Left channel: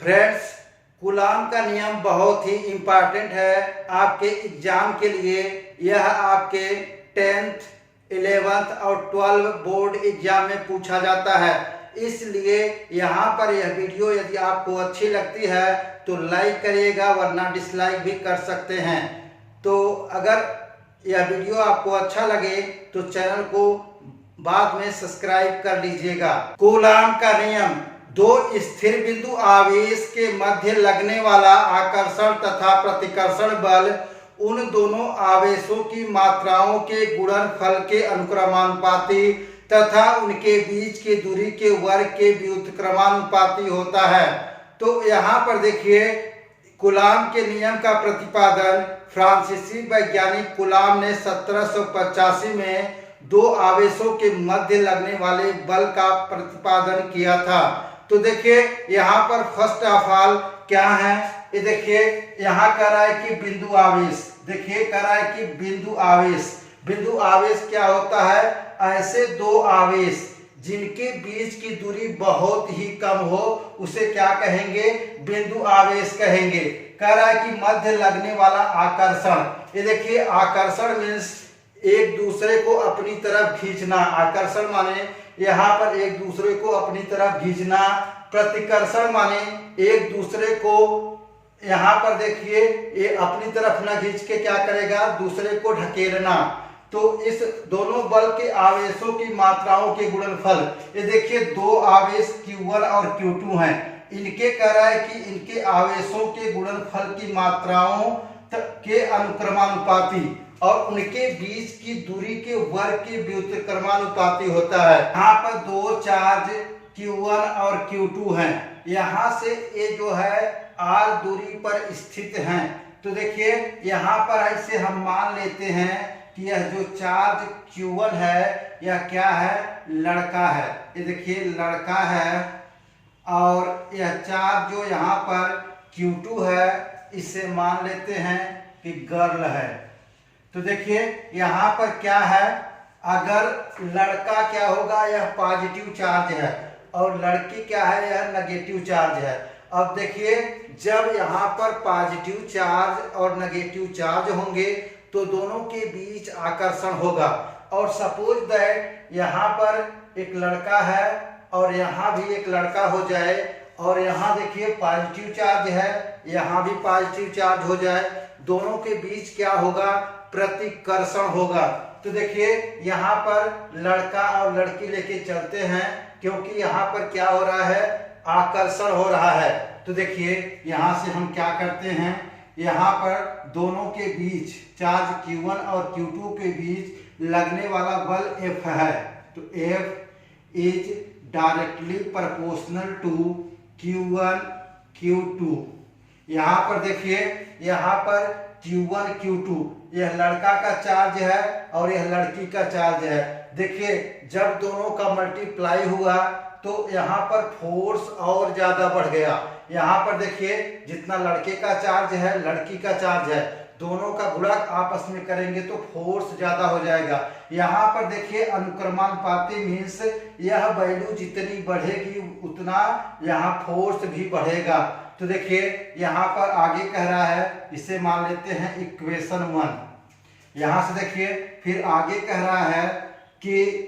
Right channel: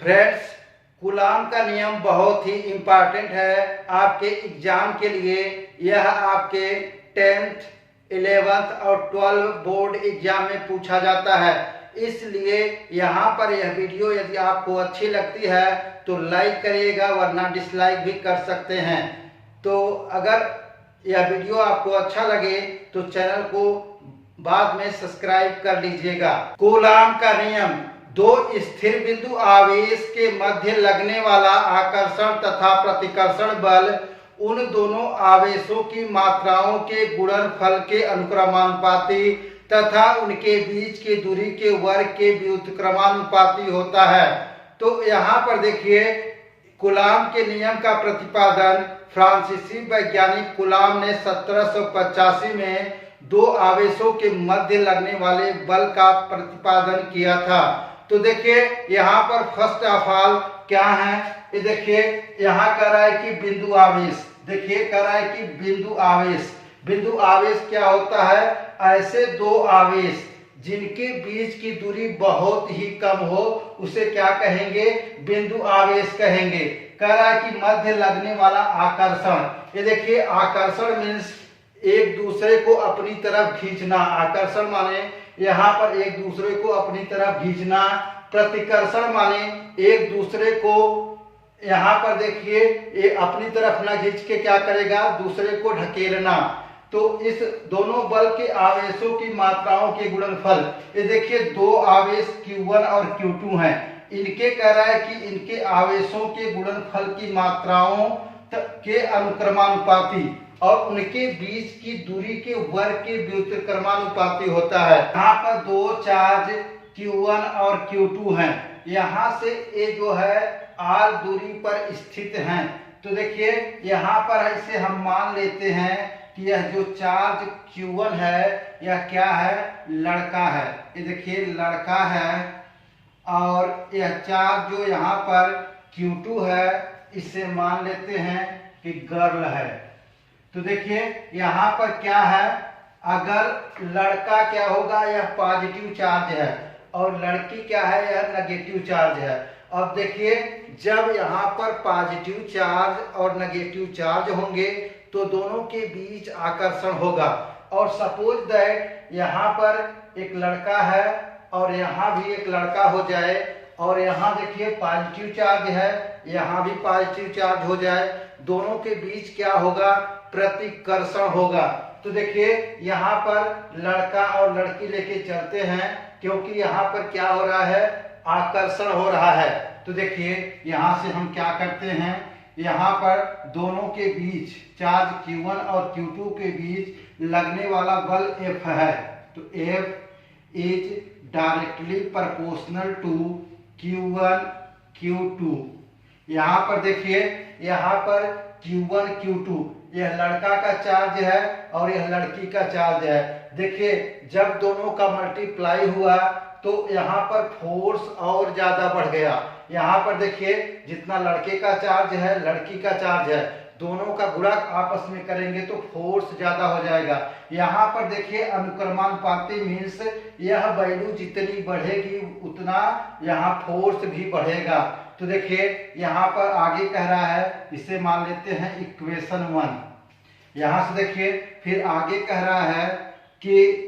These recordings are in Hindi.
फ्रेंड्स, कूलाम का नियम बहुत ही इम्पॉर्टेंट है आपके एग्जाम के लिए। यह आपके 10th, 11th और 12 बोर्ड एग्जाम में पूछा जाता है। इसलिए यहाँ पर यह वीडियो यदि आपको अच्छी लगती है तो लाइक करिएगा, वरना डिसलाइक भी कर सकते हैं। तो अगर यह वीडियो आपको अच्छा लगे तो चैनल को बाद में सब्सक्राइब कर लीजिएगा। कूलाम का नियम: दो स्थिर बिंदु आवेश के मध्य लगने वाला आकर्षण तथा प्रतिकर्षण बल उन दोनों आवेशों की मात्राओं के गुणनफल के अनुक्रमानुपाती तथा उनके बीच की दूरी के वर्ग के व्युत्क्रमानुपाती होता है। तो यहाँ पर देखिए, कूलाम के नियम का प्रतिपादन फ्रांसीसी वैज्ञानिक कूलाम ने 1785 में दो आवेशों के मध्य लगने वाले बल का प्रतिपादन किया था। तो देखिए यहाँ पर फर्स्ट ऑफ ऑल क्या है, ये देखिए यहाँ कह रहा है कि बिंदु आवेश। देखिए कह रहा है कि बिंदु आवेश। बिंदु आवेश क्या होता है? ऐसे दो आवेश जिनके बीच की दूरी बहुत ही कम हो उसे क्या कहेंगे? बिंदु आवेश कहेंगे। कह रहा है कि मध्य लगने वाला आकर्षण। ये देखिए आकर्षण मीन्स एक दूसरे को अपनी तरफ खींचना। आकर्षण माने यहाँ पर एक दूसरे को अपनी तरफ खींचना। प्रतिकर्षण माने एक दूसरे को, यहाँ पर देखिए ये अपनी तरफ ना खींच के क्या करेगा? दूसरे को ढकेलना। तो इस दोनों बल के आवेशों की मात्राओं के गुणनफल, ये देखिए दो आवेश Q1 और Q2 हैं। इनके कह रहा है कि इनके आवेशों के गुणनफल की मात्राओं के अनुक्रमानुपाती और उनके बीच की दूरी के वर्ग के व्युत्क्रमानुपाती होता है। यहाँ पर दो चार्ज Q1 और Q2 हैं। यहाँ से ये जो है R दूरी पर स्थित हैं। तो देखिए यहाँ पर ऐसे हम मान लेते हैं कि यह जो चार्ज Q1 है यह क्या है? लड़का है। ये देखिए लड़का है। और यह चार्ज जो यहाँ पर Q2 है इसे मान लेते हैं कि गर्ल है। तो देखिए यहाँ पर क्या है, अगर लड़का क्या होगा? यह पॉजिटिव चार्ज है और लड़की क्या है? यह नेगेटिव चार्ज है। अब देखिए जब यहाँ पर पॉजिटिव चार्ज और नेगेटिव चार्ज होंगे तो दोनों के बीच आकर्षण होगा। और सपोज दैट यहाँ पर एक लड़का है और यहाँ भी एक लड़का हो जाए और यहाँ देखिए पॉजिटिव चार्ज है, यहाँ भी पॉजिटिव चार्ज हो जाए, दोनों के बीच क्या होगा? प्रतिकर्षण होगा। तो देखिए यहाँ पर लड़का और लड़की लेके चलते हैं क्योंकि यहाँ पर क्या हो रहा है? आकर्षण हो रहा है। तो देखिए यहाँ से हम क्या करते हैं, यहाँ पर दोनों के बीच चार्ज Q1 और Q2 के बीच लगने वाला बल F है। तो F is directly proportional to Q1 Q2। यहाँ पर देखिए यहाँ पर Q1 Q2 यह लड़का का चार्ज है और यह लड़की का चार्ज है। देखिए जब दोनों का मल्टीप्लाई हुआ तो यहाँ पर फोर्स और ज्यादा बढ़ गया। यहाँ पर देखिए जितना लड़के का चार्ज है लड़की का चार्ज है, दोनों का गुणा आपस में करेंगे तो फोर्स ज्यादा हो जाएगा। यहाँ पर देखिए अनुक्रमानुपाती मीन्स यह वैल्यू जितनी बढ़ेगी उतना यहाँ फोर्स भी बढ़ेगा। तो देखिए यहाँ पर आगे कह रहा है, इसे मान लेते हैं इक्वेशन 1। यहाँ से देखिए फिर आगे कह रहा है कि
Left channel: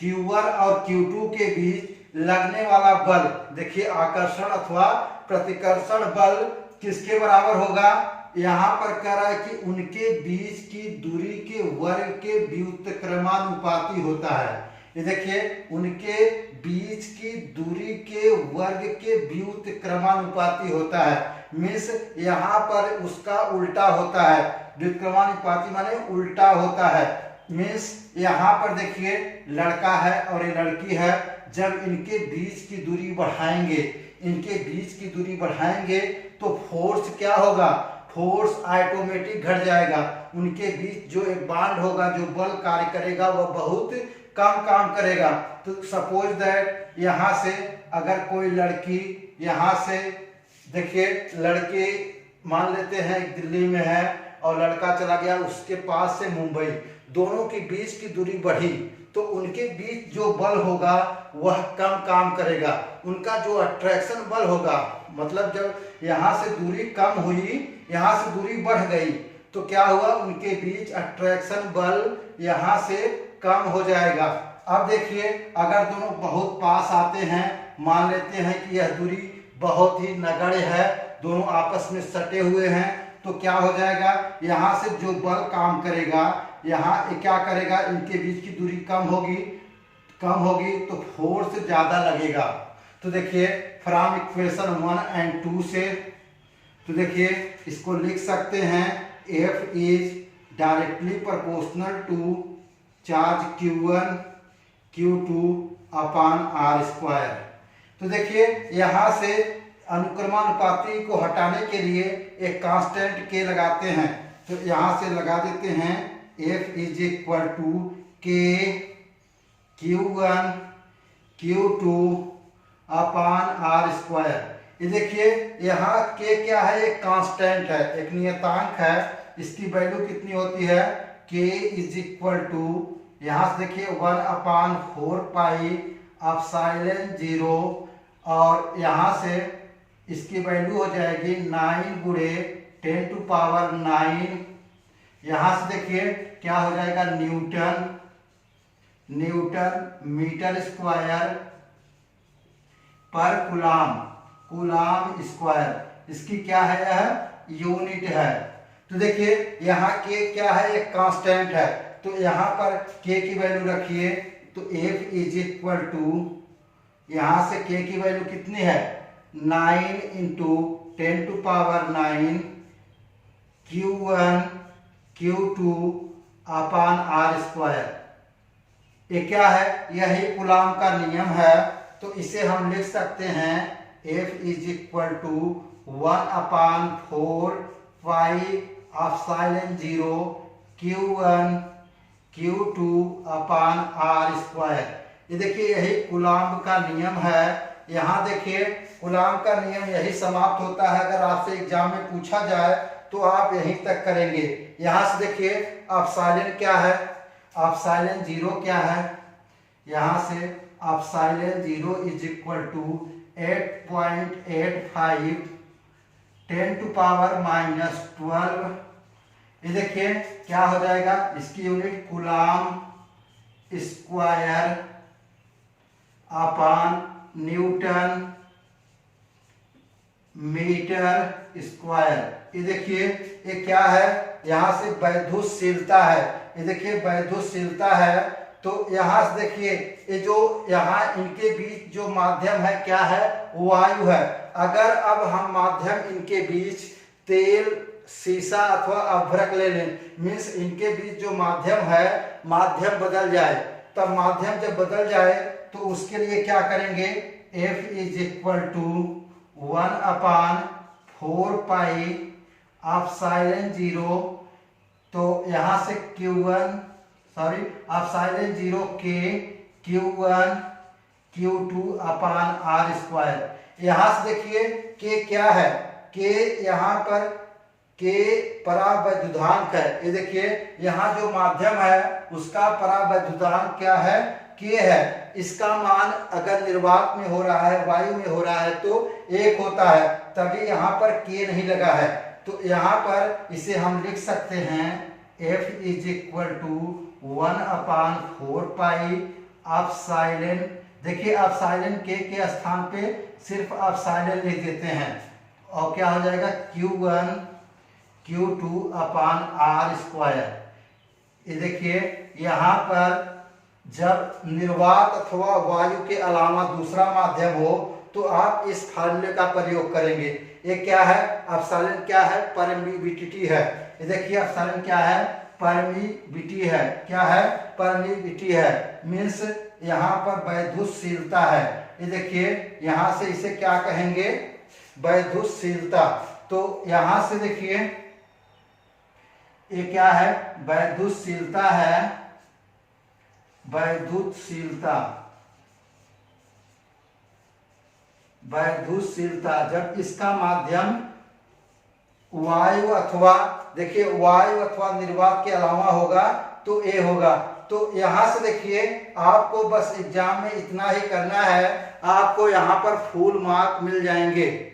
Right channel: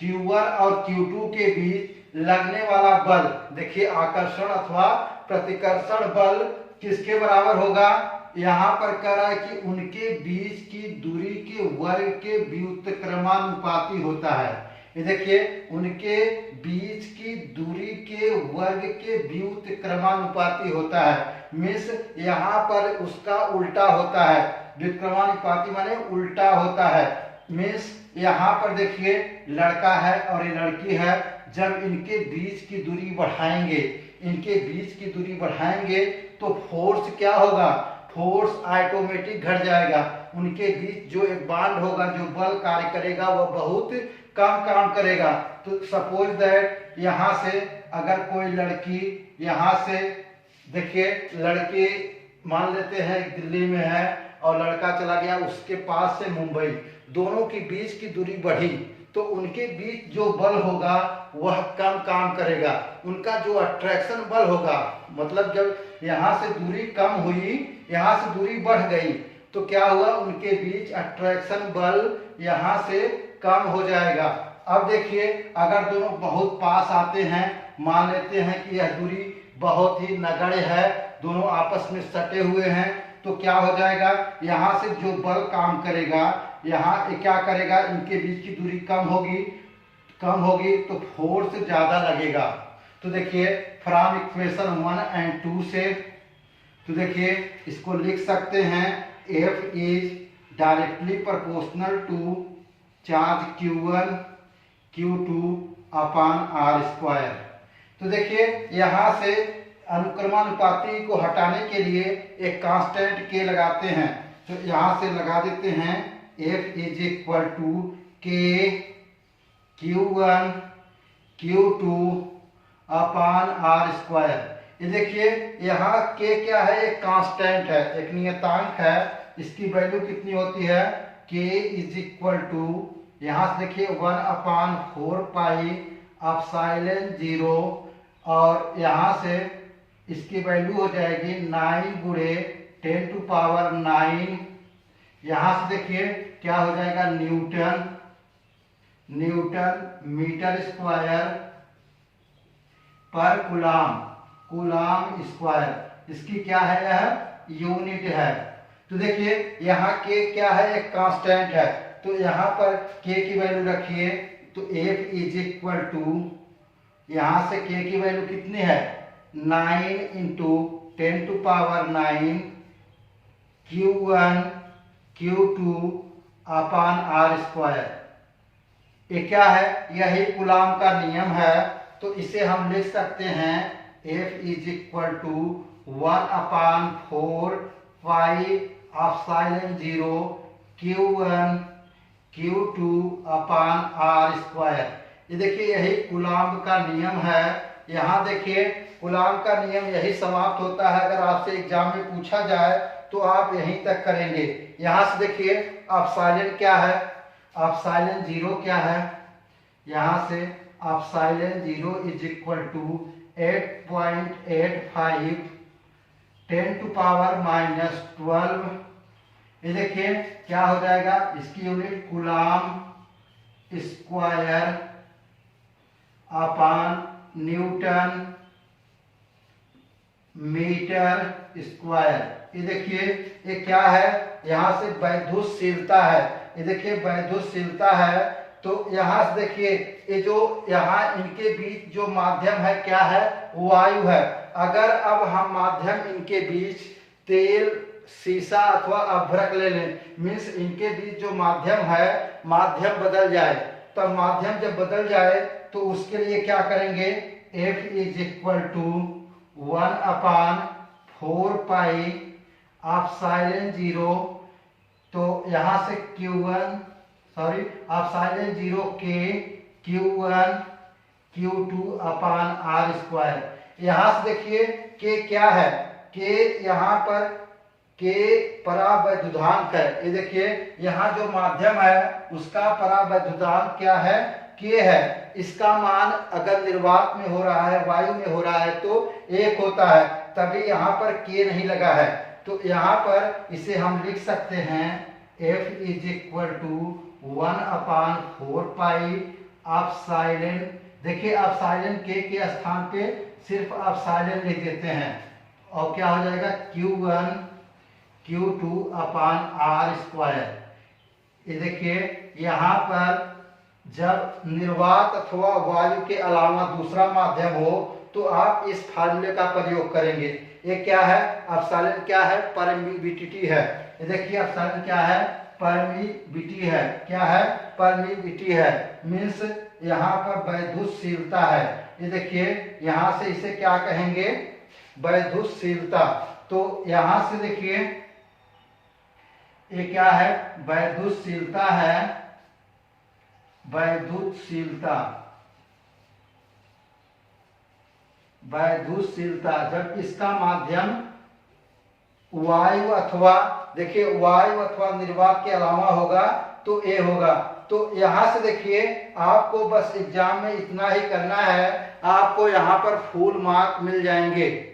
Q1 और Q2 के बीच लगने वाला बल, देखिए आकर्षण अथवा प्रतिकर्षण बल किसके बराबर होगा? यहाँ पर कह रहा है कि उनके बीच की दूरी के वर्ग के व्युत्क्रमानुपाती होता है। ये देखिए उनके बीच की दूरी के वर्ग के व्युत्क्रमानुपाती होता है। मीन्स यहाँ पर उसका उल्टा होता है। व्युत्क्रमानुपाती माने उल्टा होता है। मीन्स यहाँ पर देखिए लड़का है और ये लड़की है, जब इनके बीच की दूरी बढ़ाएंगे, इनके बीच की दूरी बढ़ाएंगे तो फोर्स क्या होगा? फोर्स ऑटोमेटिक घट जाएगा। उनके बीच जो एक बांड होगा, जो बल कार्य करेगा वह बहुत कम काम करेगा। तो सपोज दैट यहाँ से अगर कोई लड़की यहाँ से, देखिए लड़की मान लेते हैं दिल्ली में है और लड़का चला गया उसके पास से मुंबई, दोनों के बीच की दूरी बढ़ी तो उनके बीच जो बल होगा वह कम काम करेगा। उनका जो अट्रैक्शन बल होगा, मतलब जब यहाँ से दूरी कम हुई, यहाँ से दूरी बढ़ गई, तो क्या हुआ, उनके बीच अट्रैक्शन बल यहाँ से कम हो जाएगा। अब देखिए, अगर दोनों बहुत पास आते हैं, मान लेते हैं कि यह दूरी बहुत ही नगण्य है, दोनों आपस में सटे हुए हैं, तो क्या हो जाएगा, यहाँ से जो बल काम करेगा, यहाँ क्या करेगा, इनके बीच की दूरी कम होगी तो फोर्स ज़्यादा लगेगा। तो देखिए, फ्रॉम इक्वेशन 1 एंड 2 से, तो देखिए इसको लिख सकते हैं, F is directly proportional to charge Q1 Q2 upon R square. तो देखिए, यहाँ से अनुक्रमानुपाती को हटाने के लिए एक कांस्टेंट K लगाते हैं, तो यहाँ से लगा देते हैं F is equal to K Q1 Q2 upon R square. ये देखिए, यहाँ K क्या है, एक कांस्टेंट है, एक नियतांक है, इसकी वैल्यू कितनी होती है, K इज इक्वल टू, यहाँ से देखिए 1/4 पाई एप्सिलॉन 0, और यहाँ से इसकी वैल्यू हो जाएगी 9 गुणे 10⁹। यहाँ से देखिए क्या हो जाएगा, न्यूटन मीटर स्क्वायर पर कूलाम स्क्वायर, इसकी क्या है, यह यूनिट है। तो देखिए, यहाँ के क्या है, एक कांस्टेंट है, तो यहाँ पर के की वैल्यू रखिए, तो F इज इक्वल टू, यहाँ से के की वैल्यू कितनी है, 9 into 10⁹ Q1 Q2 upon R square. ये क्या है, यही कूलाम का नियम है, तो इसे हम लिख सकते हैं F is equal to 1/4 pi epsilon 0 Q1 Q2 upon R square. ये देखिए, यही कूलाम का नियम है। यहाँ देखिए, कूलाम का नियम यही समाप्त होता है। अगर आपसे एग्जाम में पूछा जाए तो आप यहीं तक करेंगे। यहाँ से देखिए, एप्सिलॉन क्या है, एप्सिलॉन 0 क्या है, यहाँ से एप्सिलॉन 0 इज इक्वल टू 8.85 10⁻⁻12। ये देखिए क्या हो जाएगा, इसकी unit coulomb square upon newton metre square. ये देखिए, ये क्या है, यहाँ से वैद्युतशीलता है, ये देखिए वैद्युतशीलता है। तो यहाँ से देखिए, ये जो यहाँ इनके बीच जो माध्यम है क्या है, वायु है। अगर अब हम माध्यम इनके बीच तेल, सीसा अथवा अभ्रक ले लें, मीन्स इनके बीच जो माध्यम है, माध्यम बदल जाए, तब माध्यम जब बदल जाए तो उसके लिए क्या करेंगे, F is equal to 1/4 pi epsilon 0, तो यहाँ से epsilon 0 K Q1 Q2 upon R square. यहाँ से देखिए K क्या है, K यहाँ पर K परावैद्युतांक है। ये देखिए, यहाँ जो माध्यम है उसका परावैद्युतांक क्या है, K है। इसका मान अगर निर्वात में हो रहा है, वायु में हो रहा है, तो 1 होता है, तभी यहाँ पर K नहीं लगा है। तो यहाँ पर इसे हम लिख सकते हैं F is equal to 1/4 pi epsilon, देखिए एप्सिलॉन K के स्थान पे सिर्फ एप्सिलॉन लिख देते हैं, और क्या हो जाएगा, Q1 Q2 upon R square. ये देखिए, यहाँ पर जब निर्वात अथवा वायु के अलावा दूसरा माध्यम हो तो आप इस फार्मूले का प्रयोग करेंगे। ये क्या है, एप्सिलॉन क्या है, परमिटिविटी है। ये देखिए, एप्सिलॉन क्या है, परमिटिविटी है। क्या है, परमिटिविटी है, मीन्स यहाँ पर वैद्युतशीलता है। ये देखिए, यहाँ से इसे क्या कहेंगे, वैद्युतशीलता। तो यहाँ से देखिए, ये क्या है, वैद्युतशीलता है, वैद्युतशीलता जब इसका माध्यम वायु अथवा, देखिए वायु अथवा निर्वात के अलावा होगा तो A होगा। तो यहाँ से देखिए आपको बस एग्जाम में इतना ही करना है, आपको यहाँ पर फुल मार्क मिल जाएंगे।